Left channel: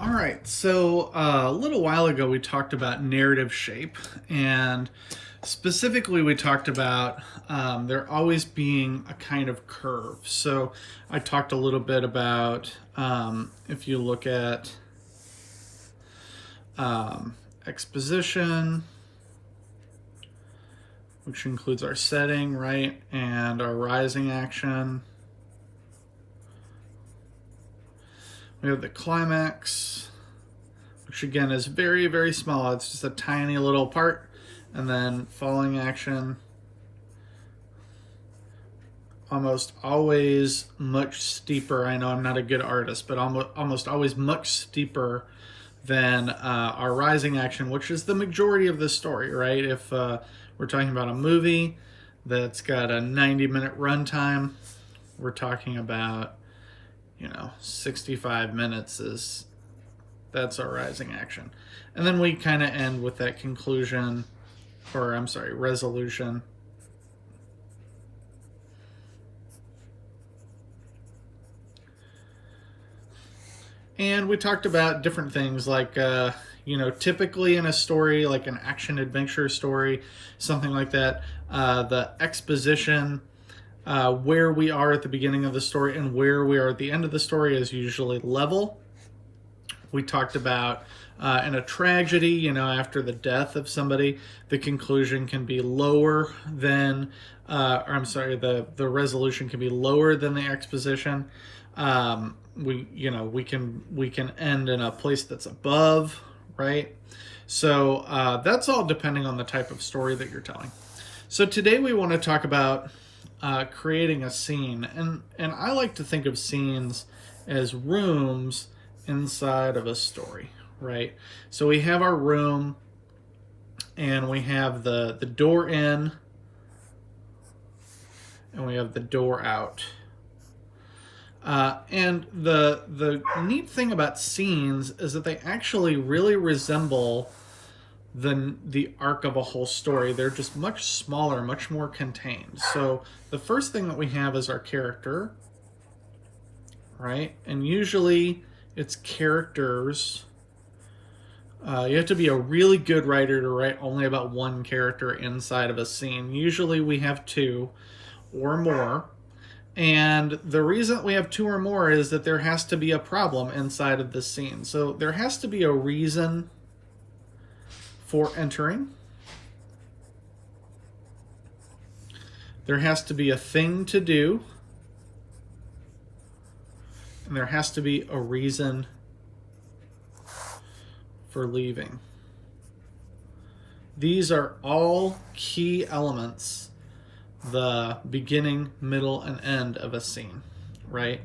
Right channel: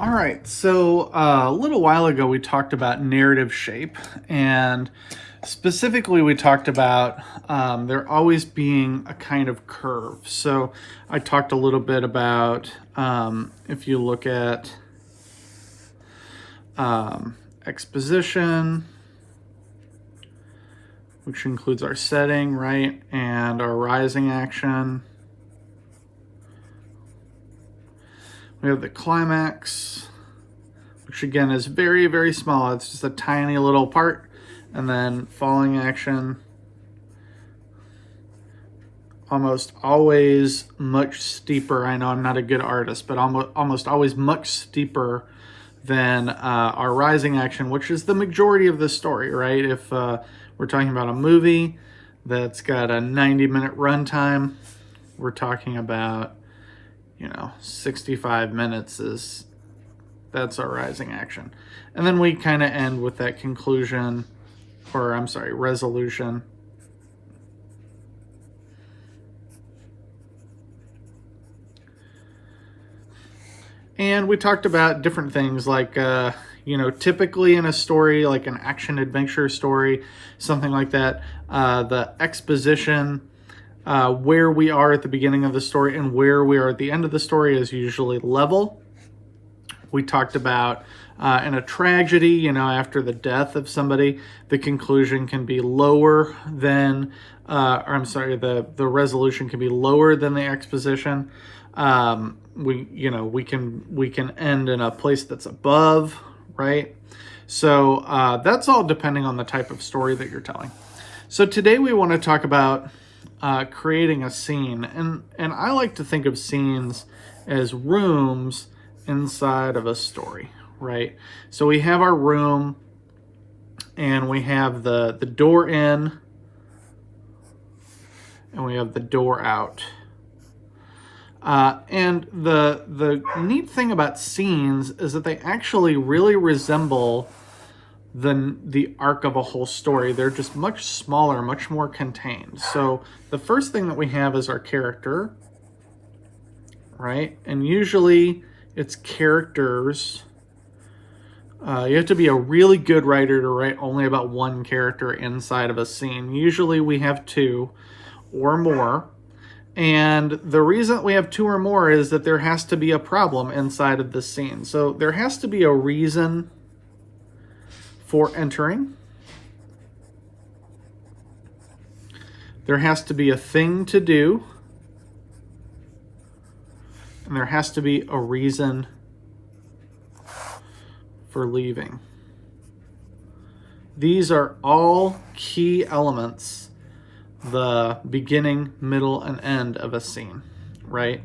All right, so a little while ago we talked about narrative shape, and specifically we talked about there always being a kind of curve. So I talked a little bit about if you look at exposition, which includes our setting, right, and our rising action. We have the climax, which again is very, very small. It's just a tiny little part. And then falling action, almost always much steeper. I know I'm not a good artist, but almost always much steeper than our rising action, which is the majority of the story, right? If we're talking about a movie that's got a 90-minute runtime, we're talking about 65 minutes that's our rising action. And then we kind of end with that conclusion, or I'm sorry, resolution. And we talked about different things like, typically in a story, like an action adventure story, something like that, the exposition, where we are at the beginning of the story and where we are at the end of the story is usually level. We talked about in a tragedy, after the death of somebody, the conclusion can be lower than, the resolution can be lower than the exposition. We can end in a place that's above, right? So that's all depending on the type of story that you're telling. So today we want to talk about creating a scene, and I like to think of scenes as rooms inside of a story, right? So we have our room, and we have the door in, and we have the door out. And the neat thing about scenes is that they actually really resemble the arc of a whole story. They're just much smaller, much more contained. So the first thing that we have is our character, right? And usually it's characters. You have to be a really good writer to write only about one character inside of a scene. Usually we have two or more. And the reason we have two or more is that there has to be a problem inside of the scene. So there has to be a reason for entering. There has to be a thing to do. And there has to be a reason for leaving. These are all key elements, the beginning, middle, and end of a scene, right?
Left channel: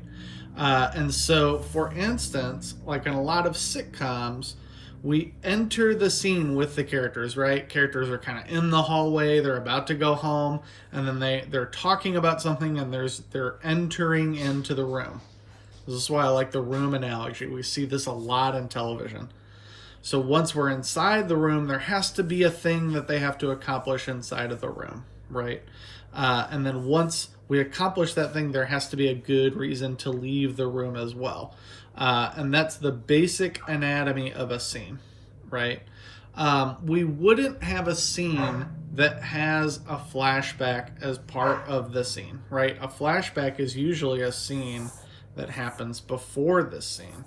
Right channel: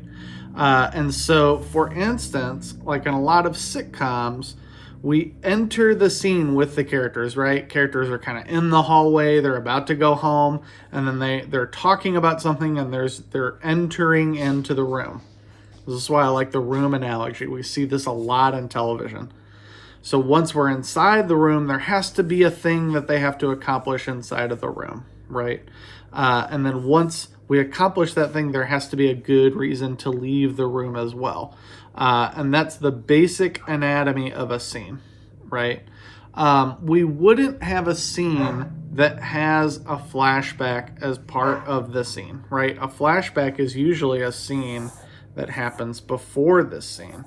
And so, for instance, like in a lot of sitcoms, we enter the scene with the characters, right? Characters are kind of in the hallway, they're about to go home, and then they're talking about something, and they're entering into the room. This is why I like the room analogy. We see this a lot in television. So once we're inside the room, there has to be a thing that they have to accomplish inside of the room, right? And then once we accomplish that thing, there has to be a good reason to leave the room as well. And that's the basic anatomy of a scene, right? We wouldn't have a scene that has a flashback as part of the scene, right? A flashback is usually a scene that happens before this scene.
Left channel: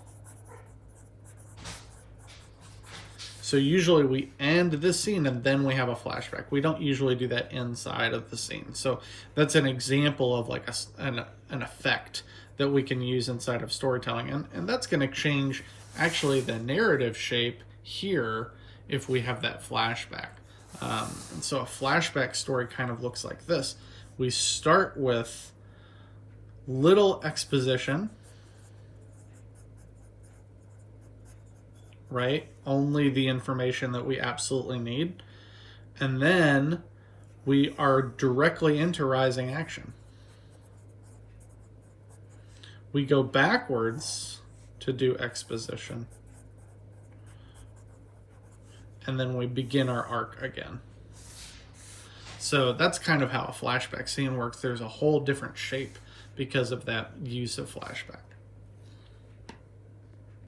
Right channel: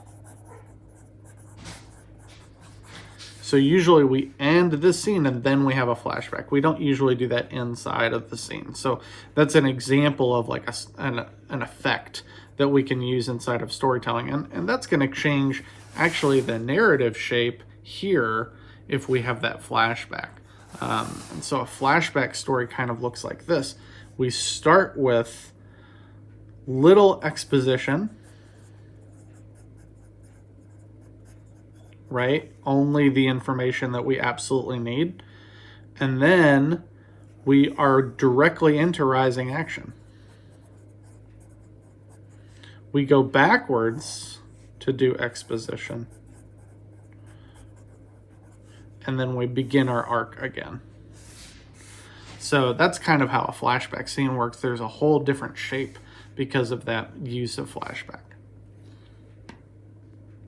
So usually we end this scene and then we have a flashback. We don't usually do that inside of the scene. So that's an example of like an effect that we can use inside of storytelling. And that's going to change actually the narrative shape here if we have that flashback. And so a flashback story kind of looks like this. We start with little exposition, right? Only the information that we absolutely need. And then we are directly into rising action. We go backwards to do exposition. And then we begin our arc again. So that's kind of how a flashback scene works. There's a whole different shape because of that use of flashback.